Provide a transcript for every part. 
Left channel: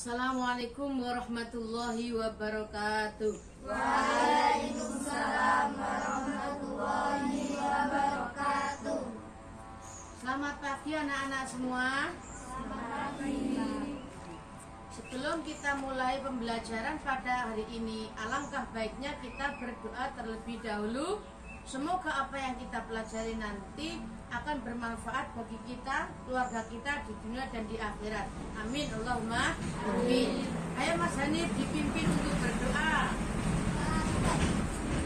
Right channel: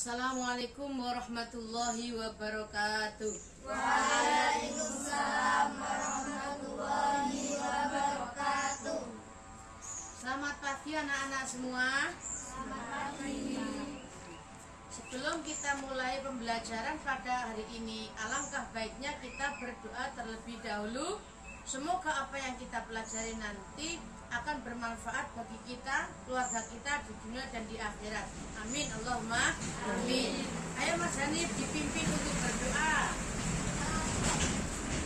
Assalamualaikum warahmatullahi wabarakatuh. Waalaikumsalam warahmatullahi wabarakatuh. Selamat pagi anak-anak semua. Selamat pagi. Sebelum kita mulai pembelajaran pada hari ini, alangkah baiknya kita berdoa terlebih dahulu. Semoga apa yang kita pelajari nanti akan bermanfaat bagi kita, keluarga kita di dunia dan di akhirat. Amin, Allahumma amin. Ayo Mas Hanif dipimpin untuk berdoa.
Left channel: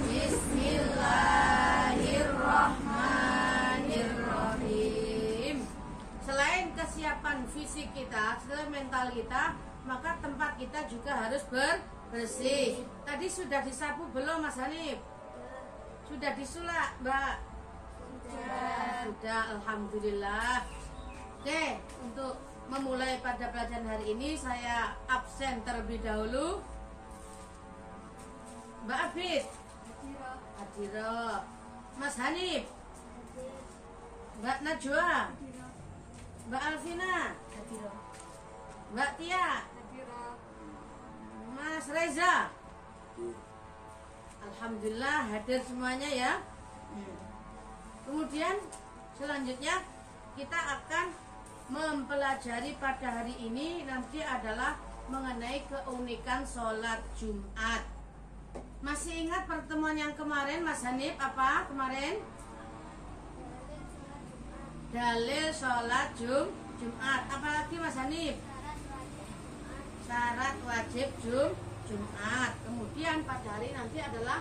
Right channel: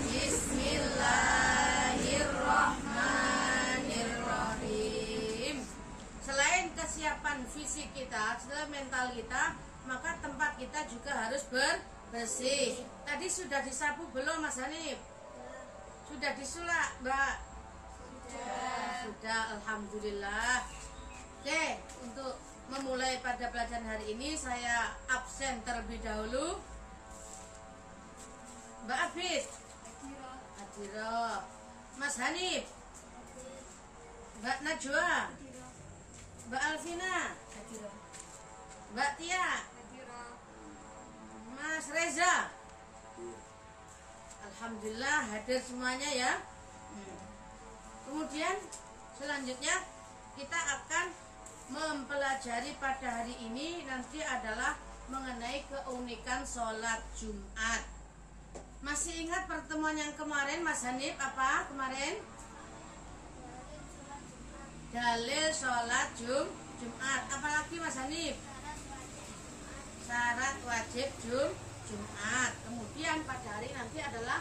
Bismillahirrahmanirrahim. Selain kesiapan fisik kita, selain mental kita, maka tempat kita juga harus bersih. Tadi sudah disapu belum Mas Hanif? Sudah disulak Mbak? Sudah, alhamdulillah. Oke, untuk memulai pada pelajaran hari ini saya absen terlebih dahulu. Mbak Abid, Adiro, Mas Hanif, Mbak Najwa, Mbak Alvina, Mbak Tia, Mas Reza. Alhamdulillah hadir semuanya ya. Kemudian selanjutnya kita akan mempelajari pada hari ini nanti adalah mengenai keunikan sholat Jumat. Masih ingat pertemuan yang kemarin Mas Hanif apa kemarin? Dalil sholat Jumat. Apalagi Mas Hanif? Syarat wajib Jumat. Kemudian pada hari nanti adalah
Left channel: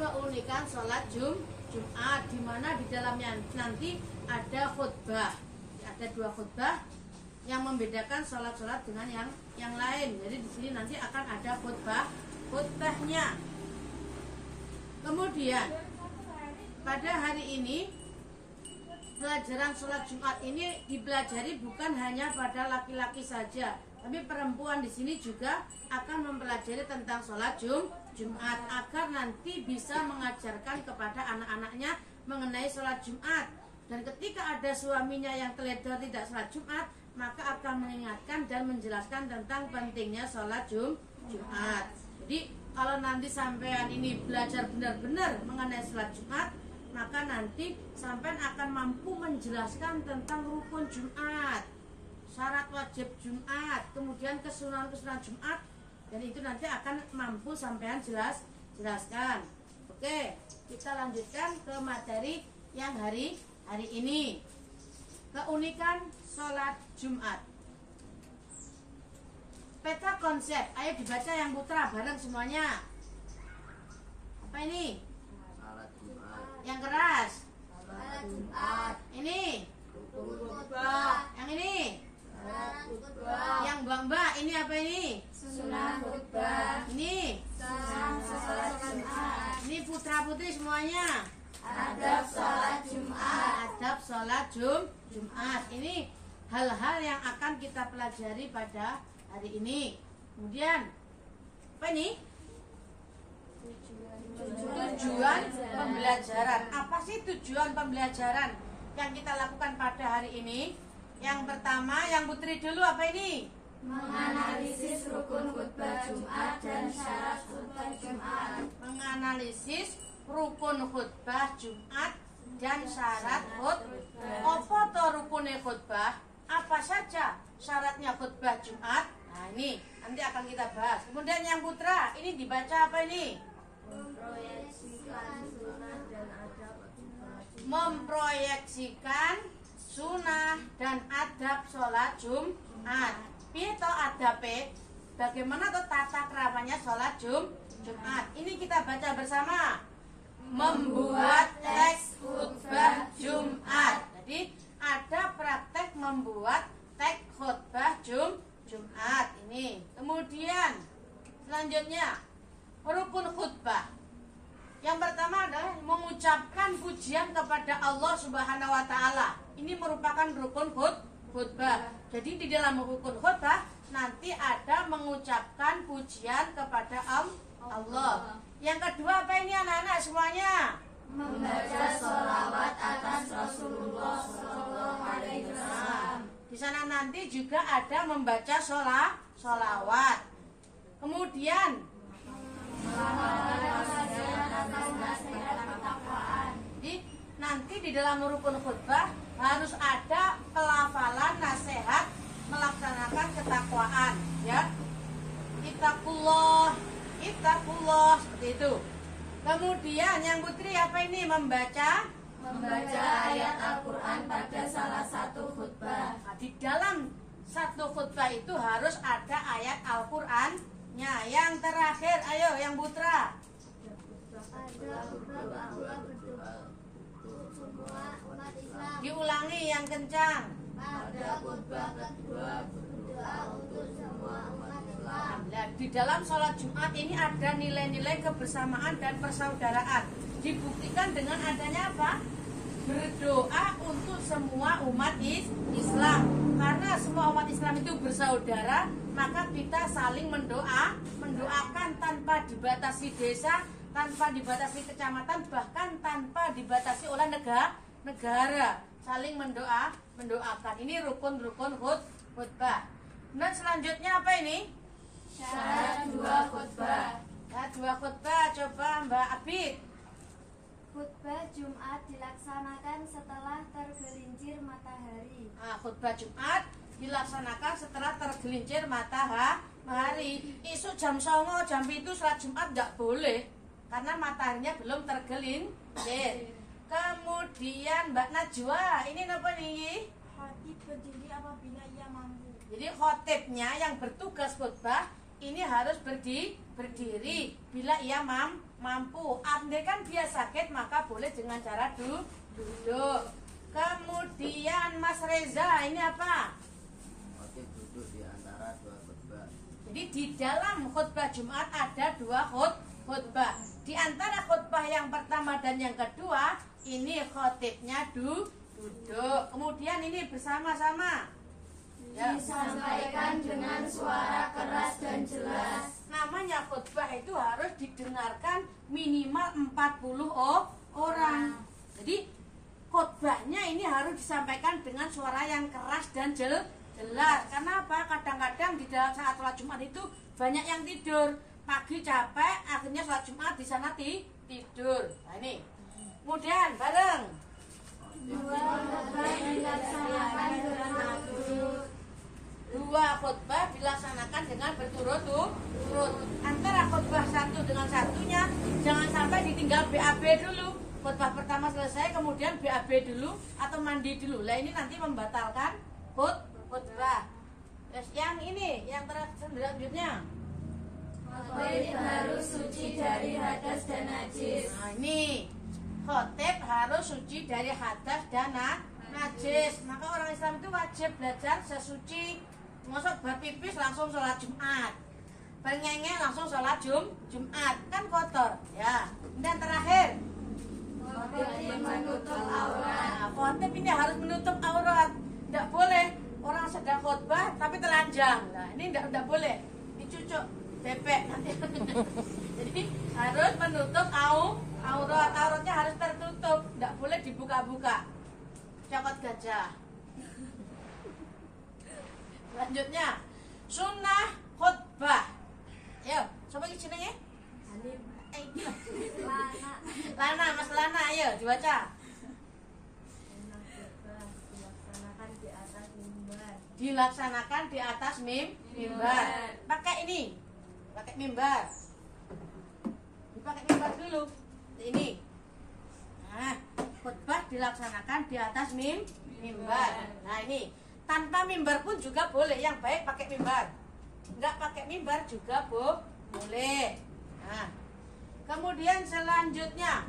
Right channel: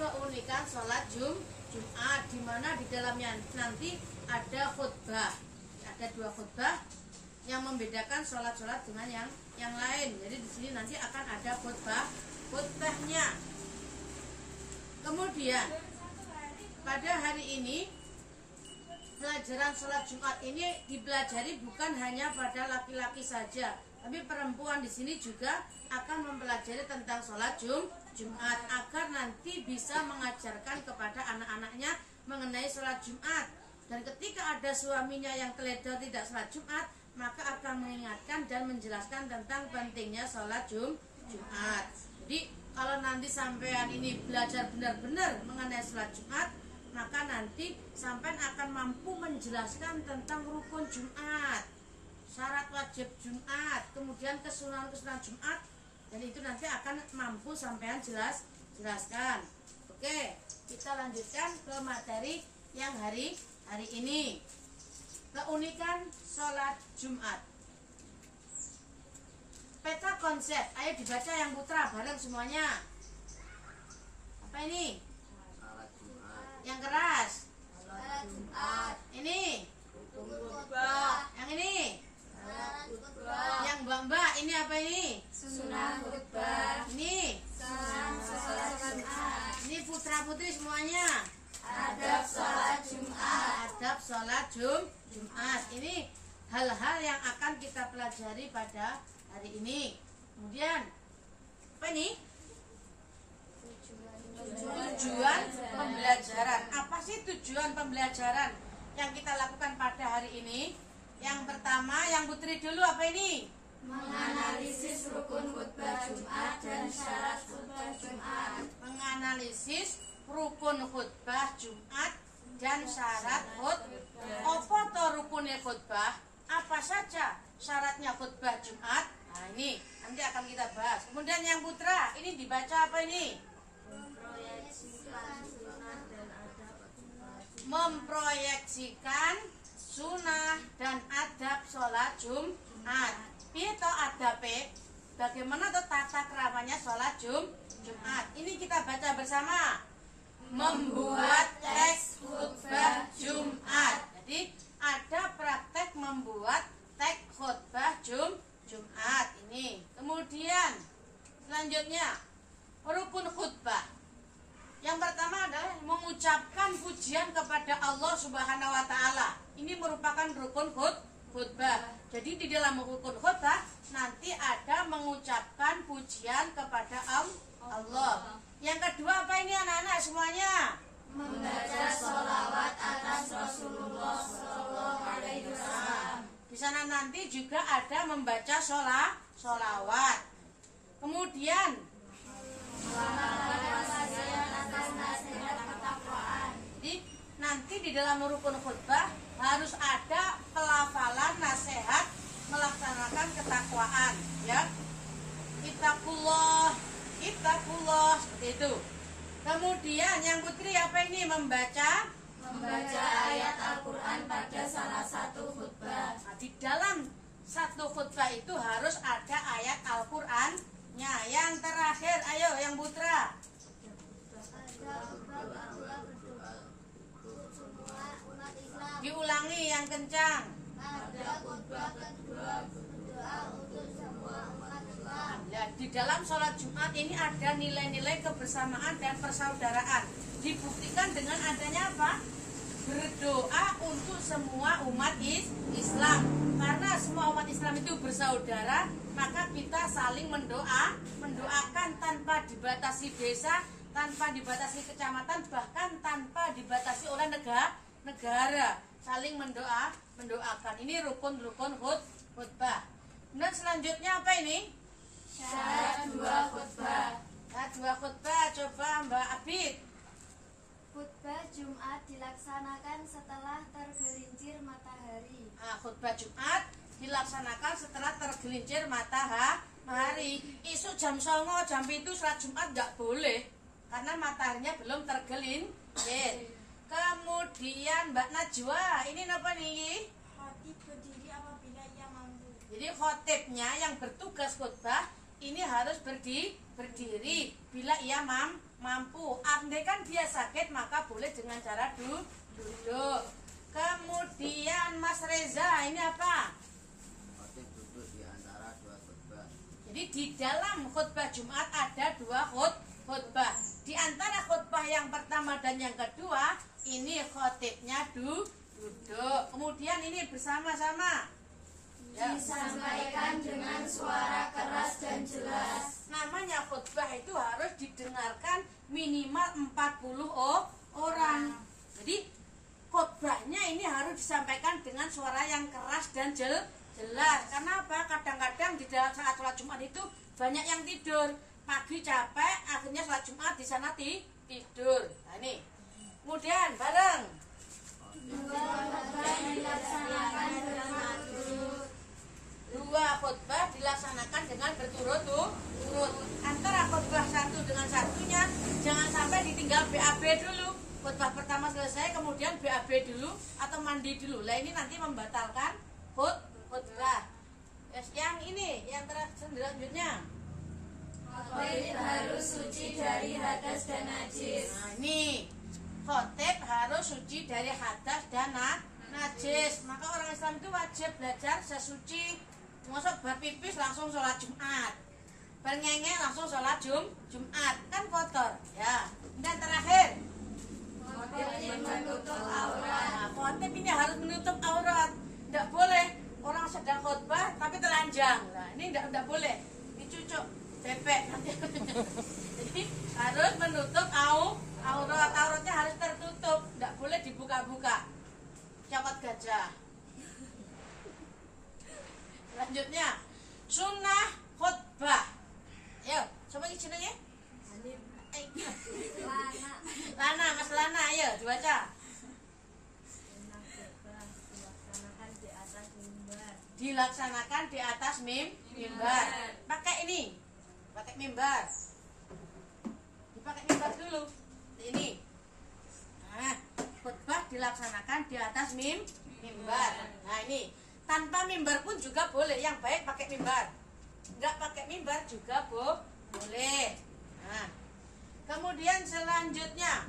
keunikan sholat Jumat, di mana di dalamnya nanti ada khutbah. Ada dua khutbah yang membedakan sholat-sholat dengan yang lain. Jadi di sini nanti akan ada khutbahnya. Kemudian pada hari ini pelajaran sholat Jumat ini dipelajari bukan hanya pada laki-laki saja, tapi perempuan di sini juga akan mempelajari tentang sholat Jumat agar nanti bisa mengajarkan kepada anak-anaknya mengenai sholat Jumat. Dan ketika ada suaminya yang teledor tidak sholat Jumat, maka akan mengingatkan dan menjelaskan tentang pentingnya sholat Jumat. Jadi kalau nanti sampean ini belajar benar-benar mengenai sholat Jumat, maka nanti sampean akan mampu menjelaskan tentang rukun Jumat, syarat wajib Jumat, kemudian kesunahan-kesunahan Jumat, dan itu nanti akan mampu sampean jelaskan. Oke, kita lanjutkan ke materi yang hari ini. Keunikan sholat Jumat. Peta konsep, ayo dibaca yang putra bareng semuanya. Apa ini? Yang keras. Sholat Jumat. Ini. Khutbah. Yang ini. Khutbah. Yang mbak-mbak ini apa ini? Sunnah khutbah. Ini. Sunnah sholat Jumat. Ini putra-putri semuanya. Adab sholat Jumat. Adab sholat Jumat. Ini hal-hal yang akan kita pelajari pada hari ini. Kemudian apa ini? Tujuan pembelajaran. Apa sih tujuan pembelajaran yang kita lakukan pada hari ini? Yang pertama, yang putri dulu apa ini? Menganalisis rukun khutbah Jumat dan syarat khutbah Jumat. Menganalisis rukun khutbah Jumat dan syarat khutbah. Apa to rukunnya khutbah? Apa saja syaratnya khutbah Jumat? Nah ini nanti akan kita bahas. Kemudian yang putra, ini dibaca apa ini? Memproyeksikan sunnah dan adab sholat Jumat. Piye to adabe? Bagaimana tuh tata keramanya sholat Jumat? Ini kita baca bersama. Membuat teks khutbah Jumat. Jadi ada praktek membuat teks khutbah Jumat ini. Kemudian selanjutnya rukun khutbah. Yang pertama adalah mengucapkan pujian kepada Allah Subhanahu wa taala. Ini merupakan rukun khutbah. Jadi di dalam rukun khutbah nanti ada mengucapkan pujian kepada Allah. Yang kedua apa ini anak-anak semuanya? Membaca sholawat atas Rasulullah SAW. Di sana nanti juga ada membaca sholat sholawat. Kemudian jadi nanti di dalam rukun khutbah harus ada pelafalan nasihat melaksanakan ketakwaan, ya. Ittaqullah, ittaqullah, seperti itu. Kemudian yang putri apa ini? Membaca ayat Al-Quran pada salah satu khutbah. Nah, di dalam satu khutbah itu harus ada ayat Al-Qurannya. Yang terakhir, ayo yang putra. Diulangi yang kencang. Ada khutbah kedua berdoa untuk semua umat Islam. Nah, di dalam sholat Jumat ini ada nilai-nilai kebersamaan dan persaudaraan. Dibuktikan dengan adanya apa? Berdoa untuk semua umat Islam. Karena semua umat Islam itu bersaudara, maka kita saling mendoakan tanpa dibatasi desa, tanpa dibatasi kecamatan, bahkan tanpa dibatasi oleh negara. Saling mendoakan. Ini rukun-rukun khutbah. Dan selanjutnya apa ini? Syarat dua khutbah. Syarat dua khutbah, coba Mbak Abid. Khutbah Jumat dilaksanakan setelah tergelincir matahari. Nah, khutbah Jumat dilaksanakan setelah tergelincir matahari. Isu jam 09.00, jam 7 sholat Jumat nggak boleh karena mataharinya belum tergelincir. Kemudian Mbak Najwa, ini apa nih? Khatib berdiri apabila ia mampu. Jadi khotibnya yang bertugas khutbah ini harus berdiri bila ia mampu. Andai kan dia sakit maka boleh dengan cara duduk. Kemudian Mas Reza, ini apa? Khotib duduk di antara dua khutbah. Jadi di dalam khutbah Jumat ada dua khutbah. Di antara khutbah yang pertama dan yang kedua, ini khotibnya duduk. Kemudian ini bersama-sama. Ya. Disampaikan dengan suara keras dan jelas. Namanya khutbah itu harus didengarkan minimal 40 orang. Jadi khutbahnya ini harus disampaikan dengan suara yang keras dan jelas. Karena apa? Kadang-kadang di dalam saat sholat Jumat itu banyak yang tidur. Pagi capek, akhirnya sholat Jumat di sana tidur. Nah ini. Kemudian bareng. Dua khutbah dilaksanakan berturut-turut. Dua khutbah dilaksanakan dengan berturut-turut. Antara khutbah satu dengan satunya jangan sampai ditinggal BAB dulu. Khutbah pertama selesai kemudian BAB dulu atau mandi dulu. Lah ini nanti membatalkan khutbah. Yang ini, yang selanjutnya. Khotib harus suci dari hadas dan najis. Nah ini khotib harus suci dari hadas dan najis. Maka orang Islam itu wajib belajar sesuci. Masuk berpipis langsung sholat Jumat, berngengek langsung sholat Jumat, kan kotor ya. Dan terakhir Khotib menutup aurat. nah, khotib ini harus menutup aurat. Tidak boleh orang sedang khutbah tapi telanjang. Nah ini tidak boleh, dicucuk bebek nanti. Jadi harus menutup aurat. Auratnya harus tertutup, tidak boleh dibuka-buka. Cokot gajah. Selanjutnya sunnah khutbah. Ayo, coba jenenge? Lana, Mas Lana, ayo dibaca. Dilaksanakan di atas mimbar. Pakai ini, pakai mimbar. Dipakai mimbar dulu. Ini. Nah, khutbah dilaksanakan di atas mimbar. Nah ini. Tanpa mimbar pun juga boleh. Yang baik pakai mimbar. Enggak pakai mimbar juga boleh. Nah, kemudian selanjutnya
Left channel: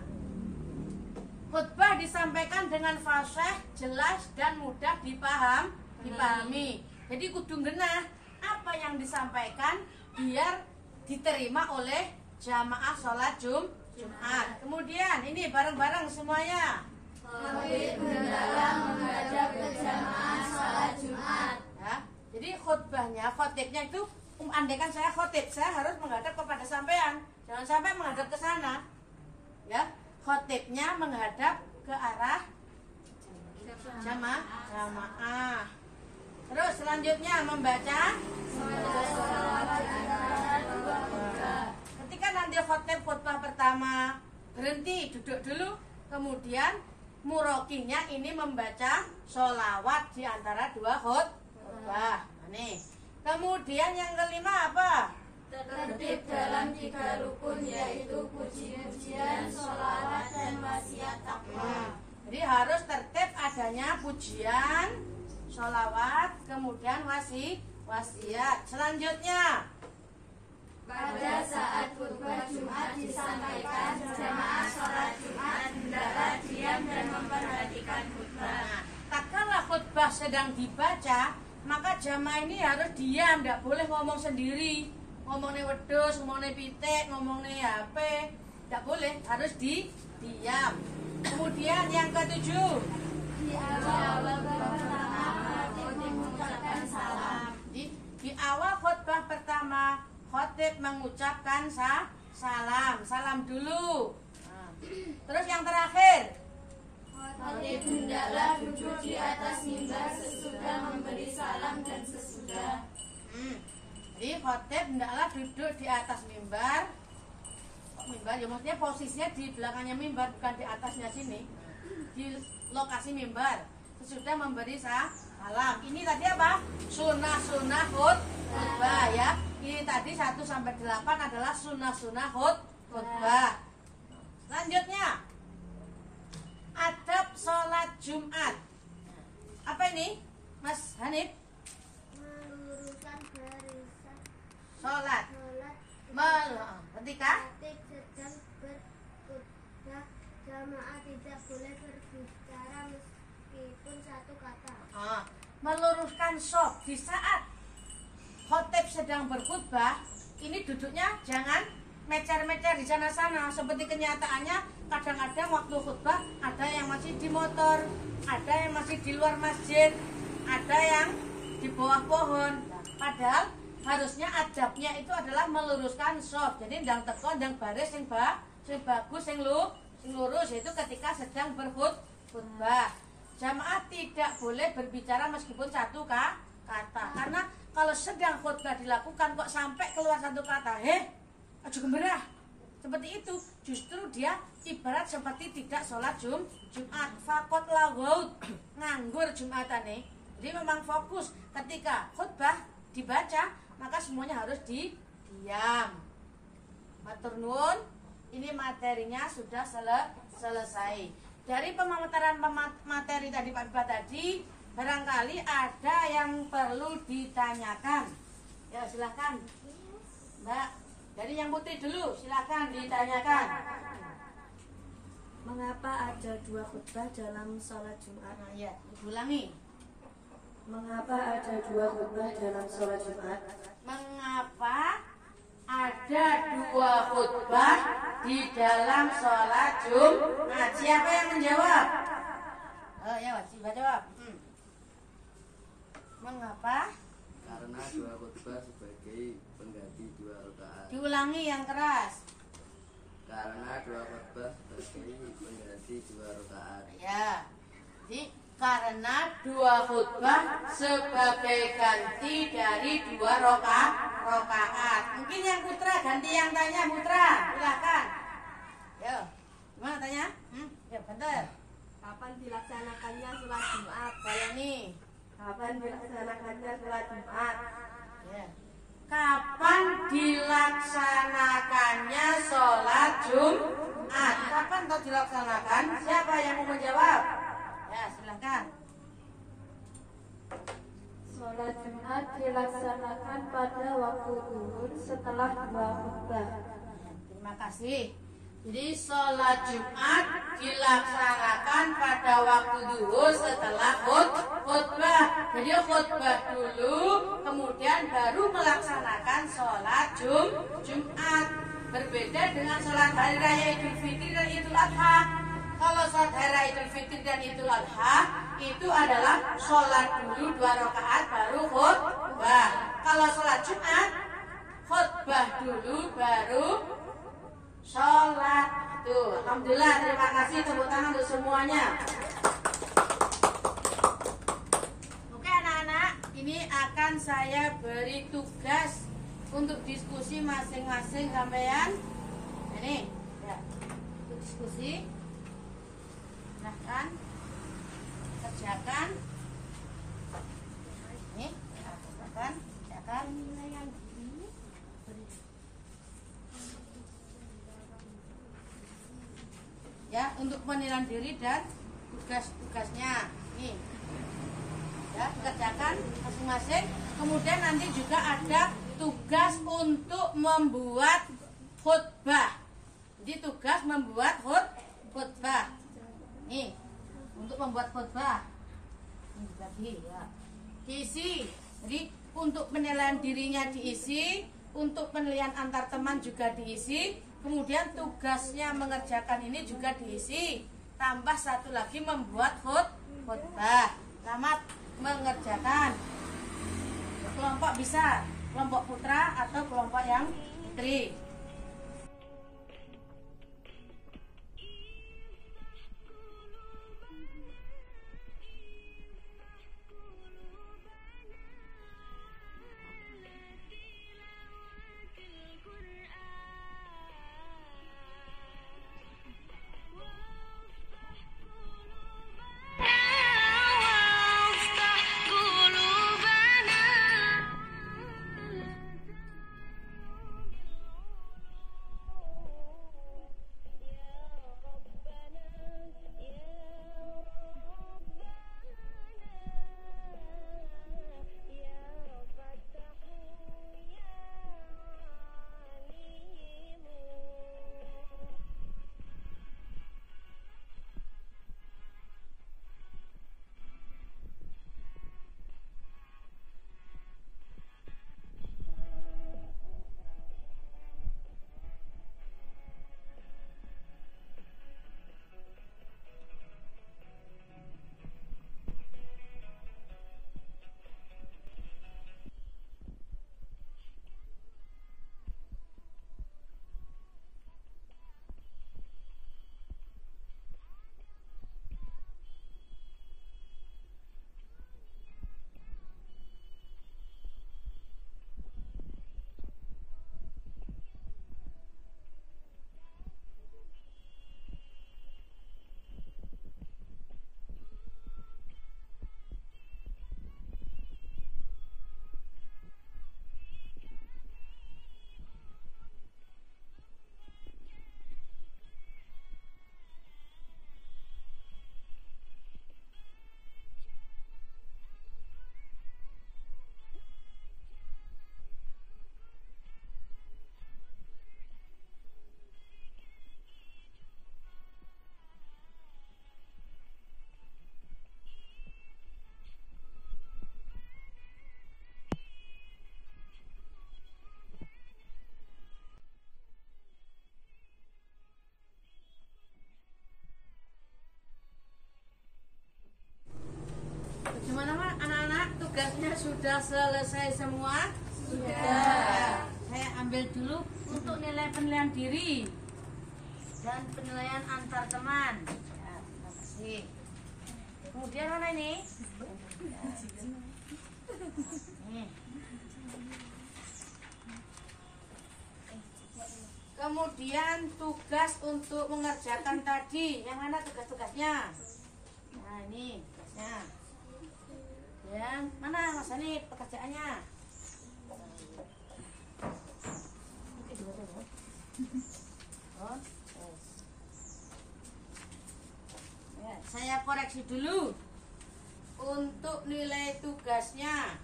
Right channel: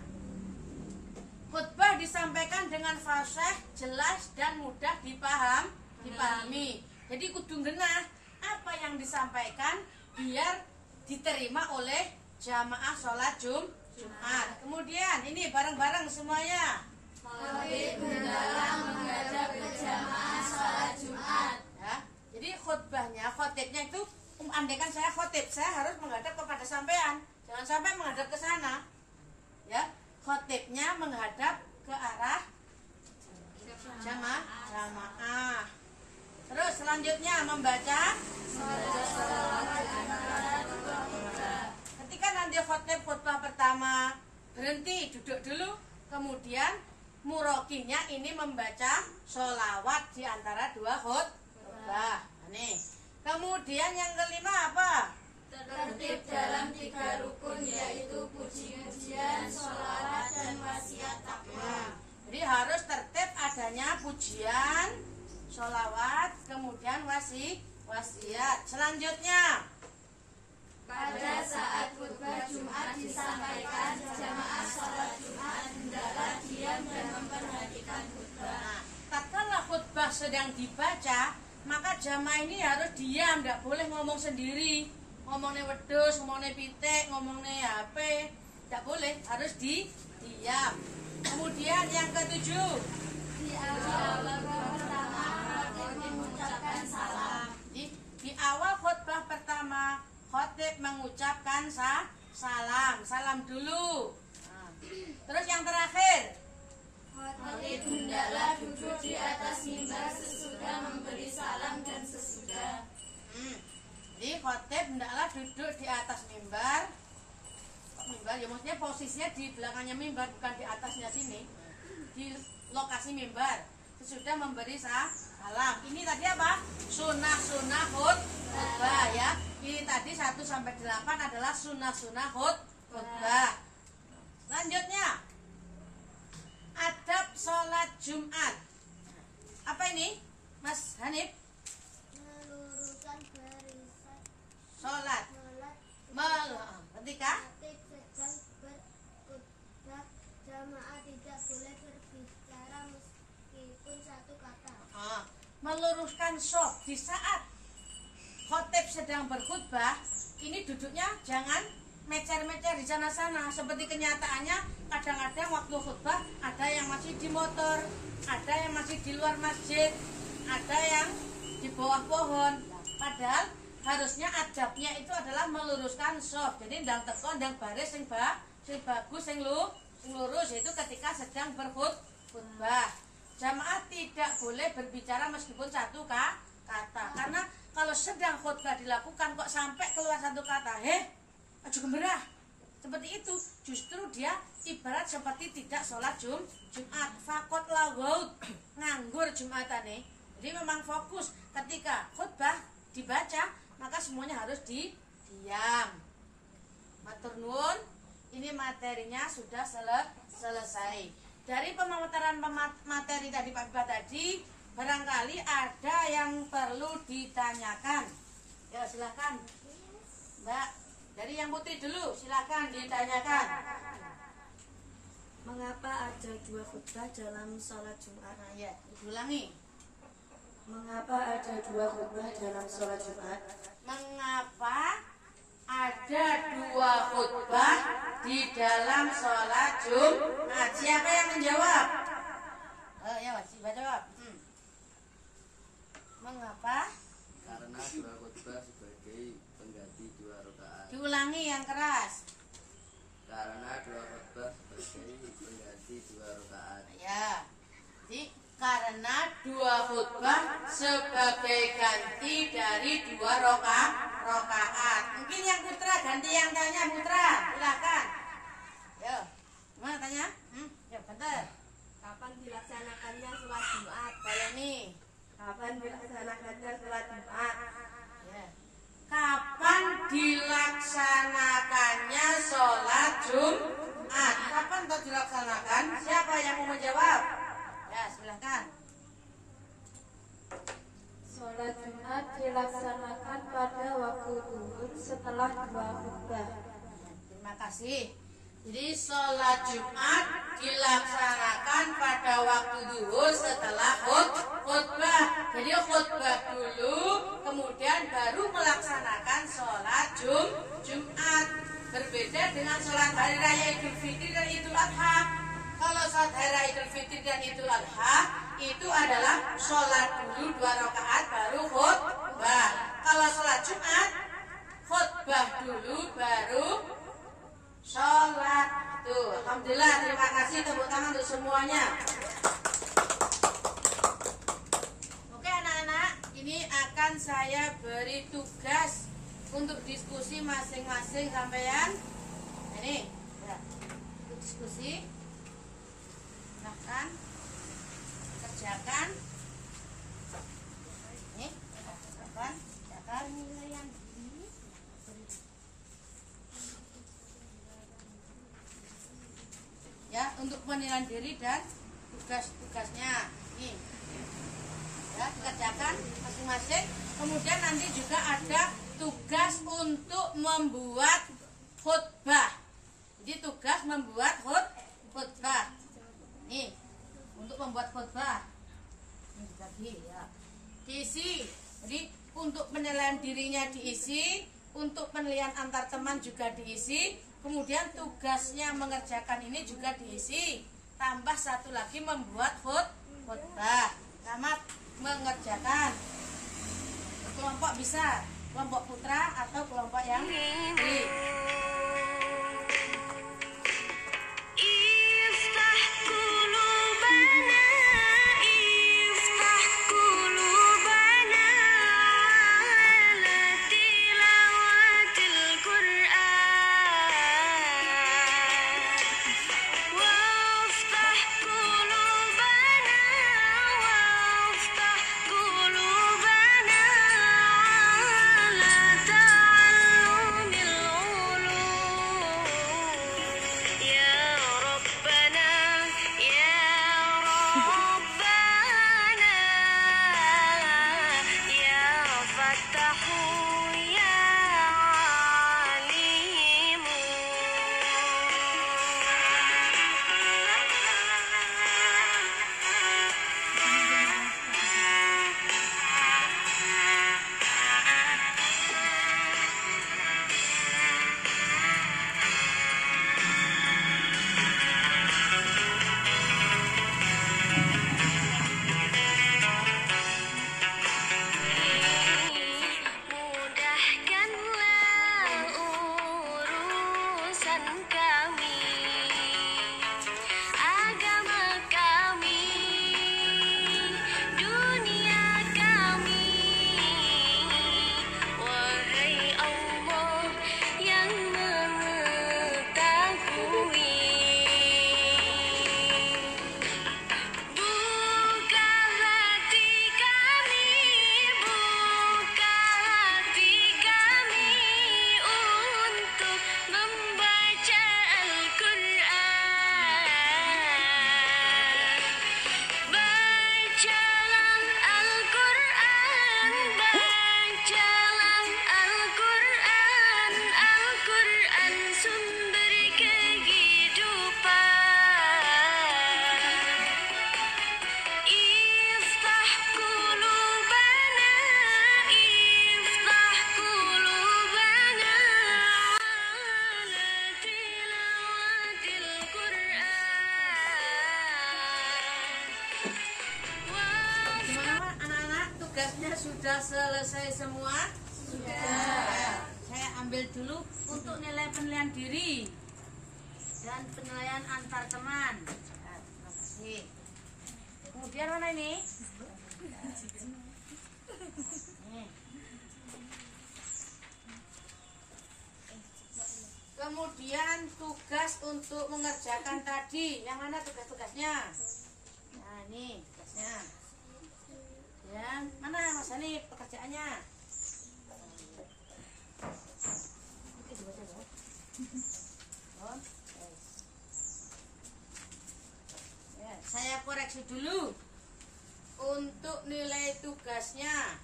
khutbah disampaikan dengan fasih, jelas dan mudah dipahami. Jadi kudu genah apa yang disampaikan biar diterima oleh jamaah sholat Jumat. Kemudian ini bareng-bareng semuanya. Khotib hendaklah menghadap ke jamaah sholat Jumat. Ya, jadi khotibnya itu andaikan saya khotib, saya harus menghadap kepada sampean, jangan sampai menghadap ke sana. Ya, khotibnya menghadap ke arah jamaah. Terus selanjutnya membaca ketika nanti khotbah pertama berhenti duduk dulu, kemudian murokinya ini membaca sholawat di antara dua khotbah. Nih. Kemudian yang kelima apa? Tertib dalam 3 rukun, yaitu puji-pujian, sholawat, dan wasiat takwa. Jadi harus tertib adanya pujian, sholawat, kemudian wasiat. Selanjutnya Pada saat khutbah Jumat disampaikan, jamaah sholat Jumat hendaklah diam dan memperhatikan khutbah. Nah, tatkala khutbah sedang dibaca, maka jamaah ini harus diam, tidak boleh ngomong sendiri, ngomongnya wedhus, ngomongnya pitik, ngomongnya HP, tidak boleh, harus diam. Kemudian yang ketujuh, Di awal pertama, khatib mengucapkan salam. di awal khutbah pertama, khotib mengucapkan salam dulu. Nah, terus yang terakhir, Khatib hendaklah duduk di atas mimbar sesudah memberi salam dan sesudah. Jadi khotib hendaklah duduk di atas mimbar. Mimbar ya maksudnya posisinya di belakangnya mimbar, bukan di atasnya sini. Di lokasi mimbar sesudah memberi salam. Ini tadi apa? Sunnah khutbah ya. Ini tadi 1 sampai 8 adalah sunnah khutbah. Selanjutnya adab sholat Jumat. Apa ini, Mas Hanif? Meluruskan barisan Sholat. sholat Ketika khatib sedang berkhutbah, jamaah tidak boleh berbicara meskipun satu kata. meluruskan shaf di saat khotib sedang berkhutbah, ini duduknya jangan mecer-mecer di sana-sana. Seperti kenyataannya kadang-kadang waktu khutbah ada yang masih di motor, ada yang masih di luar masjid, ada yang di bawah pohon. Padahal harusnya adabnya itu adalah meluruskan shaf. Jadi ndang teko ndang baris sing bagus sing lurus, yaitu ketika sedang berkhutbah. Jamaah tidak boleh berbicara meskipun satu kata, karena kalau sedang khutbah dilakukan kok sampai keluar satu kata, aja gemerah, seperti itu, justru dia ibarat seperti tidak sholat Jumat, fakot lagaut, nganggur Jumatane. Jadi memang fokus ketika khutbah dibaca, maka semuanya harus diam. Matur nuwun, ini materinya sudah selesai. Dari pemaparan materi tadi Pak Biba tadi, barangkali ada yang perlu ditanyakan. Ya silakan, Mbak. Dari yang putih dulu, silakan ditanyakan. Mengapa ada 2 khutbah dalam sholat Jumat? Nah, ya, ulangi. Mengapa ada 2 khutbah dalam sholat Jumat? Mengapa ada 2 khutbah di dalam sholat Jumat? Siapa yang menjawab? Ya, Wajib jawab. Mengapa? Karena 2 khutbah sebagai pengganti 2 rakaat. Diulangi yang keras. Karena 2 khutbah sebagai pengganti 2 rakaat. Ya. Jadi karena 2 khutbah sebagai ganti dari 2 rakaat. Mungkin yang putra ganti yang tanya, putra, silakan. Yo, gimana tanya? Ya, bentar. Kapan dilaksanakannya sholat Jumat? Kalau nih, Kapan dilaksanakannya sholat Jumat? ya. Kapan dilaksanakannya sholat Jumat? Kapan kau dilaksanakan? Siapa yang mau menjawab? Ya, silakan. Sholat Jumat dilaksanakan pada waktu zuhur setelah 2 khutbah. Terima kasih. Jadi sholat Jumat dilaksanakan pada waktu zuhur setelah khutbah. Jadi khutbah dulu, kemudian baru melaksanakan sholat Jumat. Berbeda dengan sholat hari raya Idul Fitri dan Idul Adha. Kalau sholat hari raya Idul Fitri dan Idul Adha itu adalah sholat dulu 2 rakaat baru khutbah. Kalau sholat Jumat khutbah dulu baru sholat. Tuh, alhamdulillah, terima kasih, tepuk tangan untuk semuanya. Oke anak-anak, ini akan saya beri tugas untuk diskusi masing-masing sampean. Nah, ini ya, untuk diskusi. Silahkan kerjakan. Ini kerjakan. Ya, untuk penilaian diri dan tugas-tugasnya. Nih. Ya, dikerjakan masing-masing. Kemudian nanti juga ada tugas untuk membuat khutbah. Jadi tugas membuat khutbah. Nih, untuk membuat khutbah. Ini dibagi ya. Diisi. Jadi untuk penilaian dirinya diisi, untuk penilaian antar teman juga diisi, kemudian tugasnya mengerjakan ini juga diisi. Tambah satu lagi membuat khutbah. Selamat mengerjakan. Kelompok bisa kelompok putra atau kelompok yang putri. Tugasnya sudah selesai semua? Sudah. Ya, saya ambil dulu untuk nilai penilaian diri dan penilaian antar teman. Ya, terima kasih. Kemudian mana ini? Nih. Kemudian tugas untuk mengerjakan tadi. Yang mana tugas-tugasnya? Nah, ini tugasnya. Yang mana Mas Hani pekerjaannya? Ya, saya koreksi dulu untuk nilai tugasnya.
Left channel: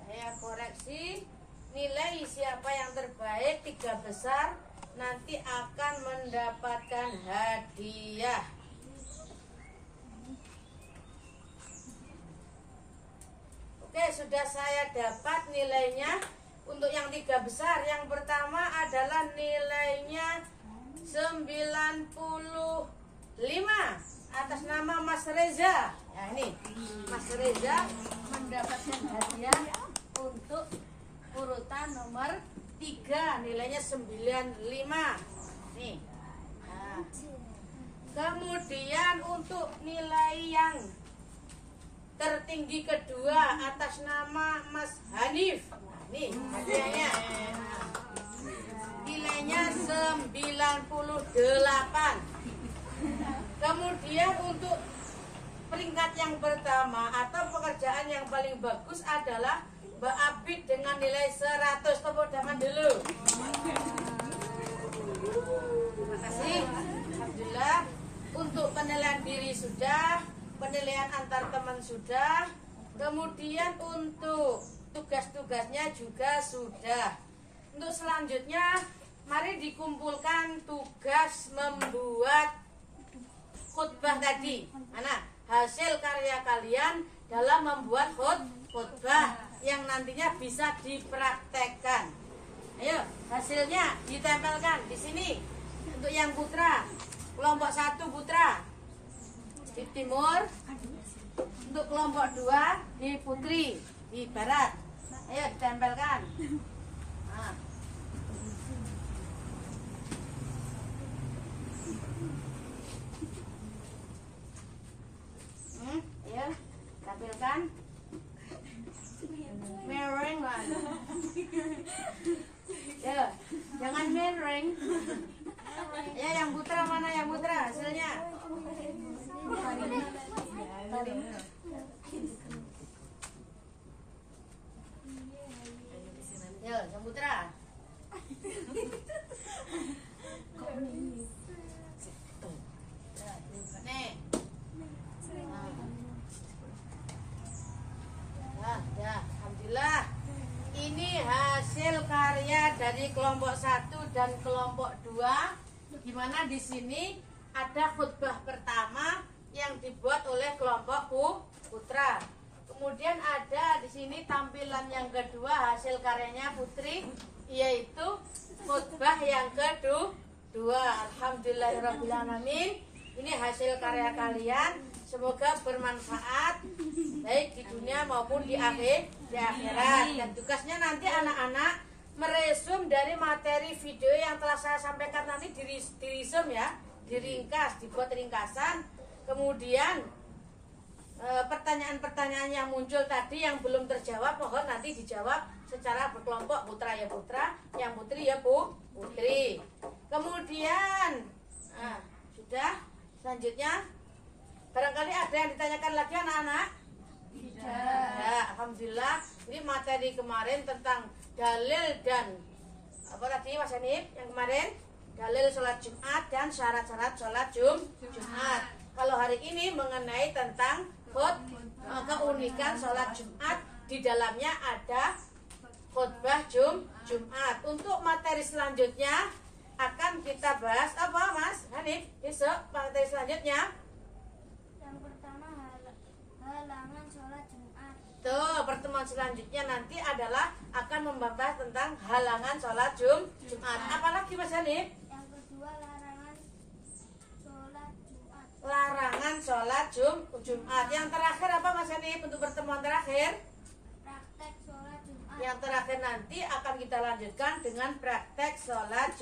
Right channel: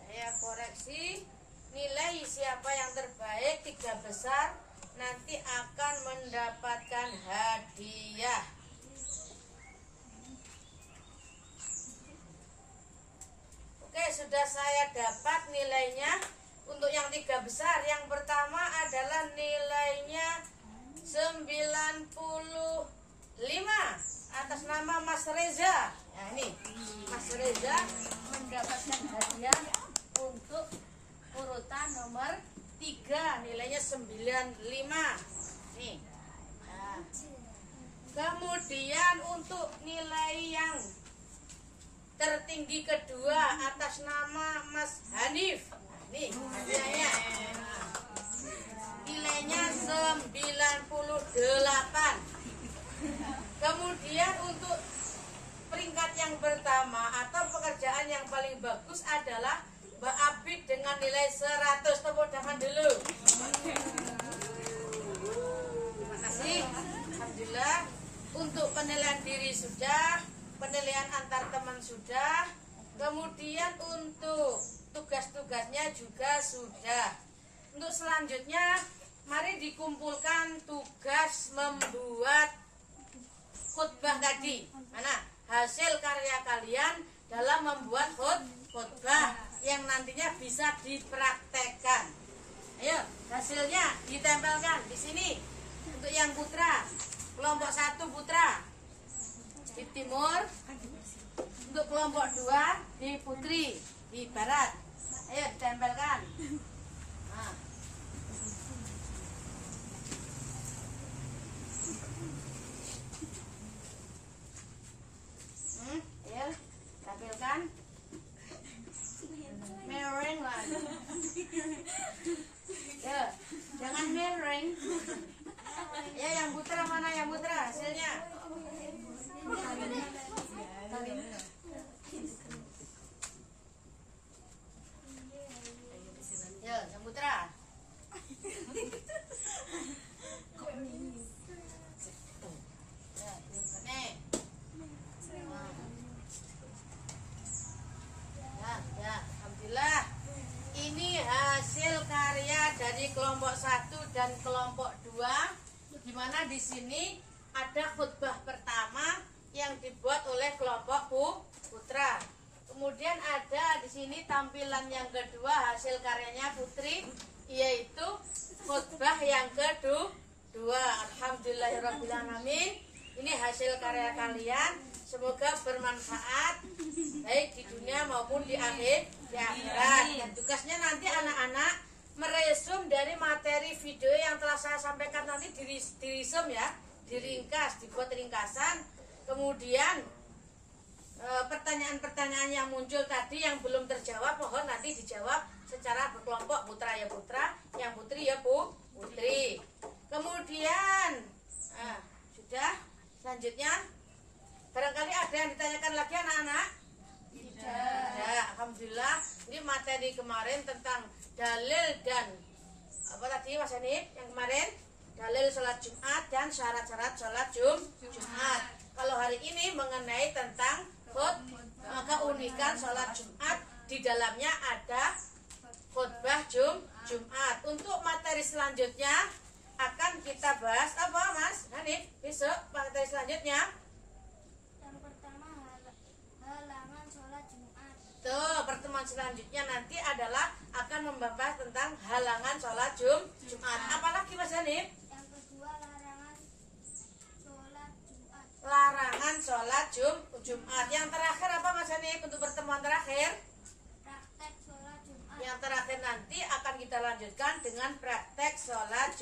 Saya koreksi. Nilai siapa yang terbaik 3 besar nanti akan mendapatkan hadiah. Oke, sudah saya dapat nilainya untuk yang 3 besar. Yang pertama adalah nilainya 95 atas nama Mas Reza. Ya, ini Mas Reza mendapatkan hadiah untuk urutan nomor 3, nilainya 95. Nih. Nah. Kemudian untuk nilai yang tertinggi kedua atas nama Mas Hanif. Nih hadiahnya. Nilainya 98. Kemudian untuk peringkat yang pertama atau pekerjaan yang paling bagus adalah Mbak Abid dengan nilai 100. Tepuk tangan dulu. Terima kasih. Alhamdulillah. Untuk penilaian diri sudah, penilaian antar teman sudah, kemudian untuk tugas-tugasnya juga sudah. Untuk selanjutnya, mari dikumpulkan tugas membuat khutbah tadi. Mana? Hasil karya kalian dalam membuat khutbah yang nantinya bisa dipraktekkan. Ayo, hasilnya ditempelkan di sini. Untuk yang putra, kelompok 1 putra di timur, untuk kelompok 2 di putri di barat. Ayo ditempelkan. Nah. Ayo tampilkan. Mereng lah. Ya, jangan mereng. Ya, yang putra mana yang putra hasilnya? Ya, yang putra. Nih. Ya, alhamdulillah. Ini hasil karya dari kelompok 1 dan kelompok 2. Di mana di sini ada khutbah pertama yang dibuat oleh kelompok putra. Kemudian ada di sini tampilan yang kedua hasil karyanya putri, yaitu khutbah yang kedua. Alhamdulillahirobbilalamin. Ini hasil karya kalian. Semoga bermanfaat baik di dunia maupun di akhirat. Dan tugasnya nanti anak-anak meresum dari materi video yang telah saya sampaikan nanti diresum ya, diringkas, dibuat ringkasan. Kemudian pertanyaan-pertanyaan yang muncul tadi yang belum terjawab mohon nanti dijawab secara berkelompok, putra ya putra, yang putri ya putri. Kemudian sudah, selanjutnya barangkali ada yang ditanyakan lagi anak-anak? Tidak. Alhamdulillah. Ini materi kemarin tentang dalil dan apa tadi Mas Hanif yang kemarin? Dalil sholat Jumat dan syarat-syarat sholat Jumat. Kalau hari ini mengenai tentang keunikan sholat Jumat, di dalamnya ada khutbah Jumat. Untuk materi selanjutnya akan kita bahas apa Mas Hanif? Besok materi selanjutnya. Yang pertama halangan sholat Jumat. Tuh, pertemuan selanjutnya nanti adalah akan membahas tentang halangan sholat Jumat. Apalagi Mas Hanif? Yang kedua larangan sholat Jumat. Larangan sholat Jumat. Yang terakhir apa Mas Hanif untuk pertemuan terakhir? Praktek sholat Jumat. Yang terakhir nanti akan kita lanjutkan dengan praktek sholat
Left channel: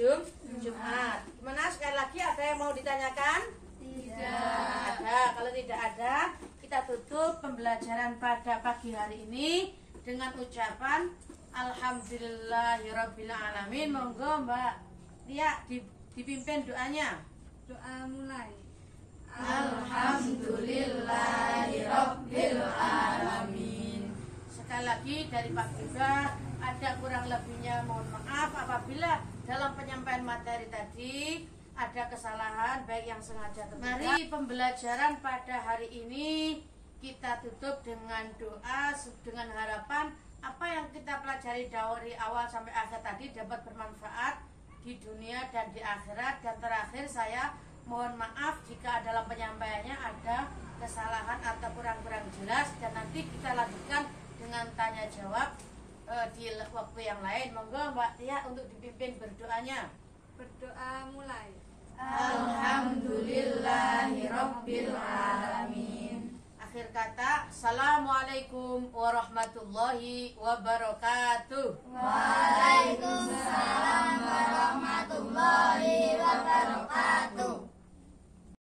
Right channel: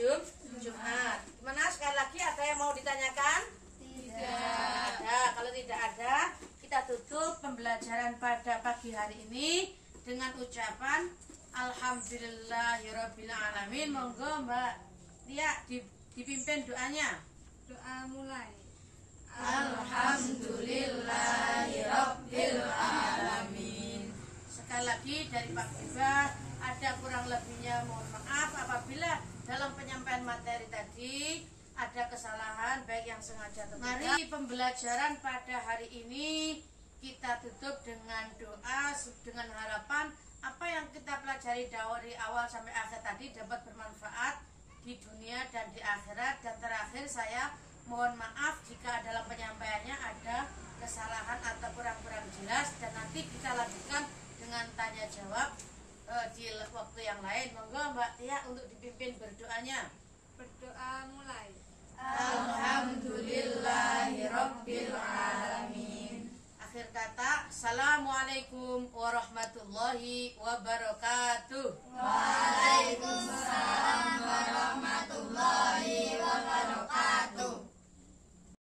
Jumat. Gimana sekali lagi ada yang mau ditanyakan? Tidak ada. Kalau tidak ada, kita tutup pembelajaran pada pagi hari ini dengan ucapan Alhamdulillahirobbilalamin. Monggo Mbak Tia dipimpin doanya. Doa mulai. Alhamdulillahirobbilalamin. Sekali lagi dari Pak Biba, ada kurang lebihnya mohon maaf apabila dalam penyampaian materi tadi ada kesalahan baik yang sengaja atau tidak. Mari pembelajaran pada hari ini kita tutup dengan doa dengan harapan apa yang kita pelajari dari awal sampai akhir tadi dapat bermanfaat di dunia dan di akhirat. Dan terakhir saya mohon maaf jika dalam penyampaiannya ada kesalahan atau kurang-kurang jelas, dan nanti kita lanjutkan dengan tanya jawab di waktu yang lain. Monggo Mbak Tia untuk dipimpin berdoanya. Berdoa mulai. Alhamdulillahirobbilalamin. Akhir kata, assalamualaikum warahmatullahi wabarakatuh.